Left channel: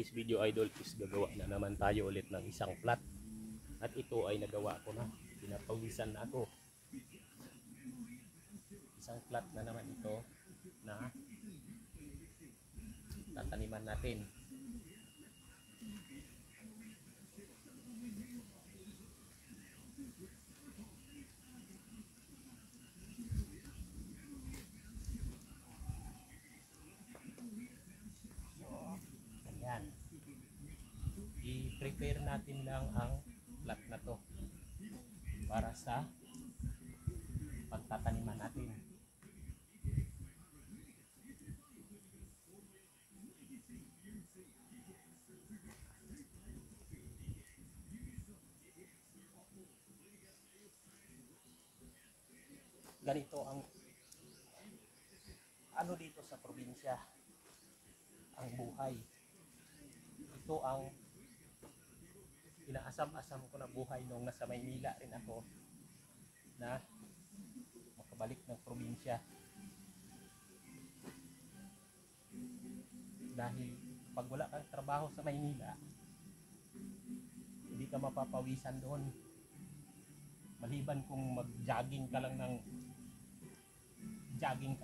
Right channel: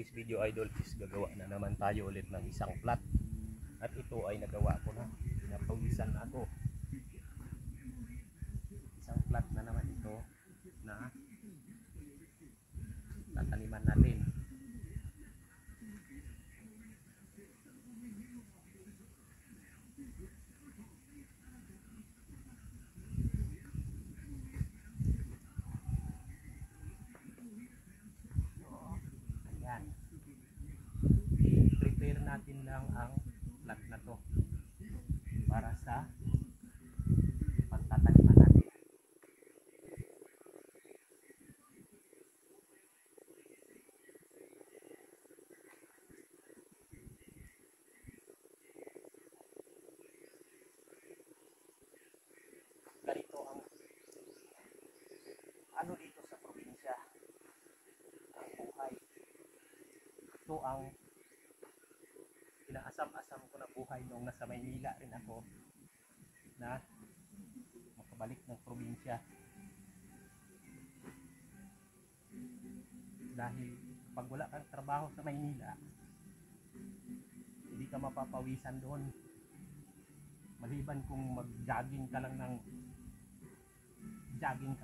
this video idol is gagawa na naman tayo ulit ng isang plat. At ito ay nagawa ko na. Pinapawisan na ako. Isang plat na naman ito na tataniman natin. I-prepare natin lang ang plat na to para sa pagtataniman natin. Ganito ang ano dito sa probinsya, ang buhay. Ito ang inaasam-asam ko na buhay nung nasa Maynila rin ako na makabalik ng probinsya. Dahil pag wala kang trabaho sa Maynila, hindi ka mapapawisan doon. Maliban kung mag-jogging ka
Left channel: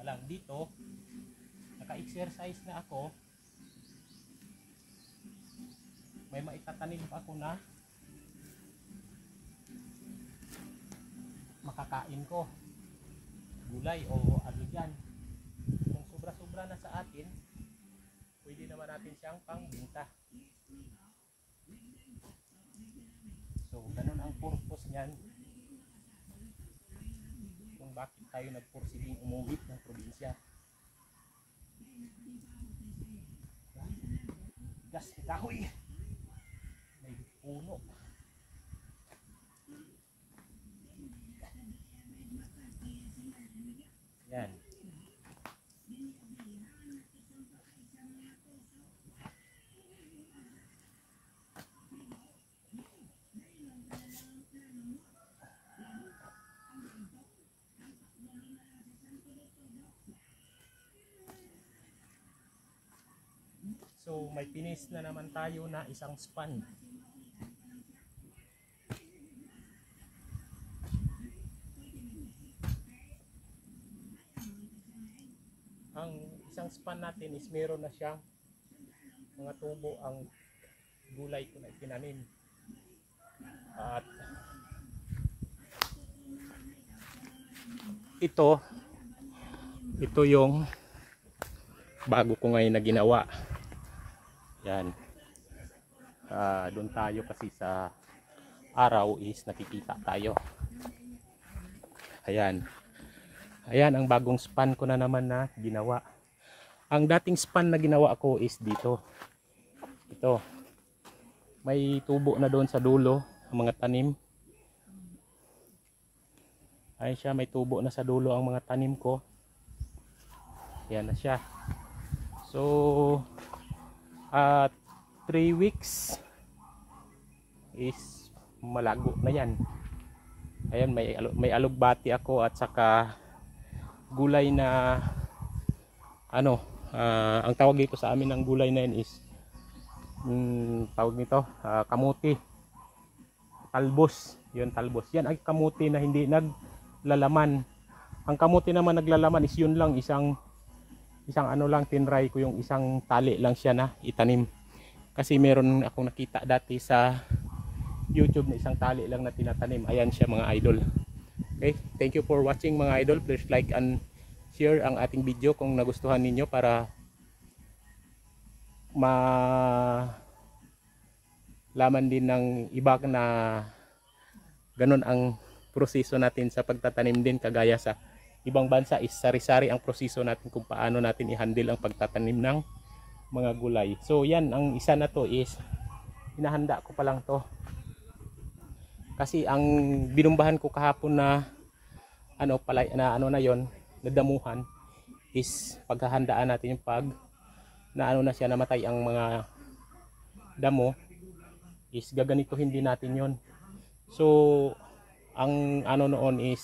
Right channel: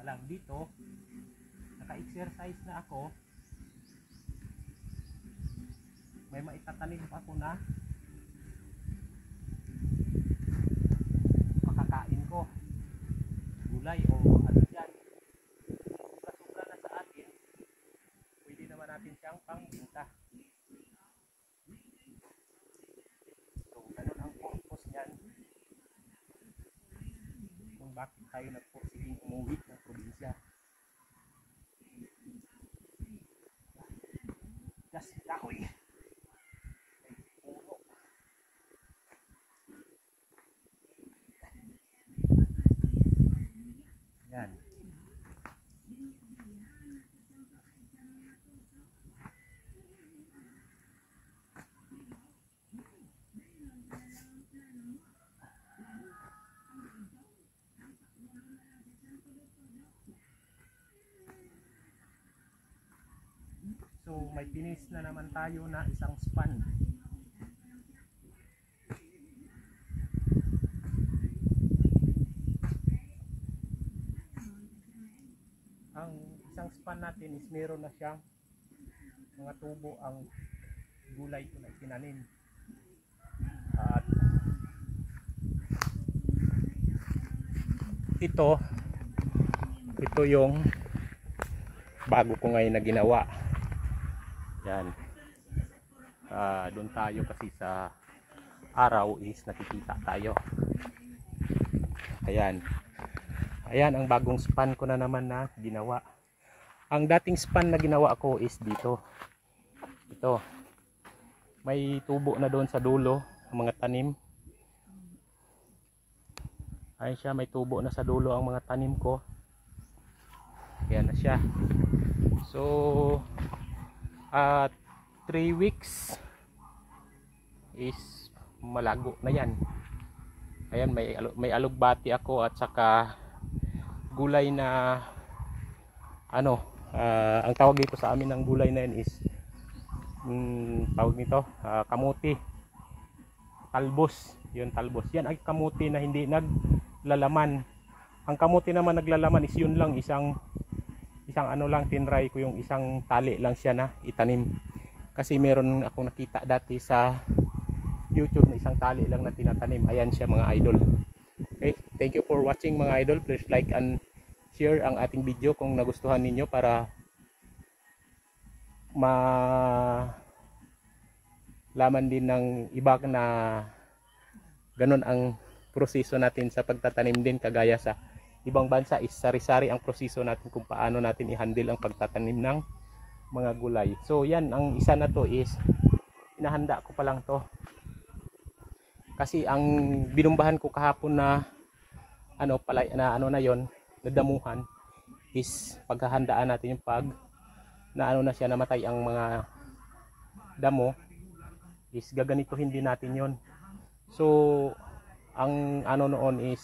lang dito, naka-exercise na ako. May maitatanim pa ako na makakain ko, gulay o ano dyan. Kung sobra-sobra na sa atin, pwede naman natin siyang pangbenta. So ganun ang purpose niyan kung bakit tayo nagpursiging umuwi ng probinsya. Gas kahoy, puno. Yan. So may finish na naman tayo na isang span. Ang isang span natin is meron na siyang mga tubo ang gulay ko na tinanim. At ito yung bago ko ngayon na ginawa. Yan. Doon tayo kasi sa araw is nakikita tayo. Ayan. Ayan ang bagong span ko na naman na ginawa. Ang dating span na ginawa ko is dito. Ito. May tubo na doon sa dulo ang mga tanim. Ayan siya, may tubo na sa dulo ang mga tanim ko. Ayan na siya. So 3 weeks is malago na yan. Ayan, may alugbati ako at saka gulay na ano, ang tawag dito sa amin ng gulay na yan is tawag nito kamuti, talbos. Yun, talbos. Yan ay kamuti na hindi naglalaman. Ang kamuti naman naglalaman is yun lang, isang ano lang, tinry ko yung isang tali lang siya na itanim. Kasi meron akong nakita dati sa YouTube na isang tali lang na tinatanim. Ayan siya mga idol. Okay, thank you for watching mga idol. Please like and share ang ating video kung nagustuhan ninyo para malaman din ng iba na ganun ang proseso natin sa pagtatanim din, kagaya sa ibang bansa is sari-sari ang proseso natin kung paano natin i-handle ang pagtatanim ng mga gulay. So yan, ang isa na to is inahanda ko pa lang to. Kasi ang binumbahan ko kahapon na ano pala na ano na yon, nadamuhan is paghahandaan natin yung pag na ano na siya, namatay ang mga damo, is gaganituhin din natin yon. So ang ano noon is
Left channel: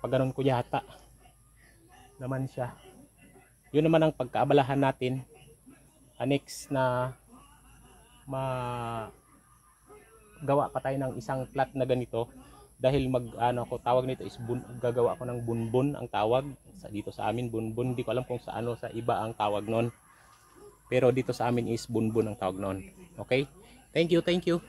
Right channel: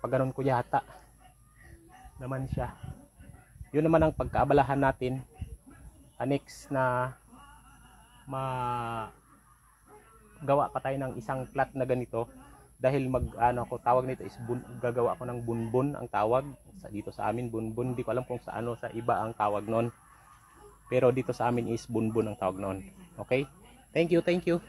pag ganun ko yata naman siya, yun naman ang pagkaabalahan natin next na gawa pa tayo ng isang plat na ganito, dahil ko tawag nito is gagawa ko ng bunbun ang tawag dito sa amin, bunbun. Hindi ko alam kung sa sa iba ang tawag noon, pero dito sa amin is bunbun ang tawag noon. Okay, thank you.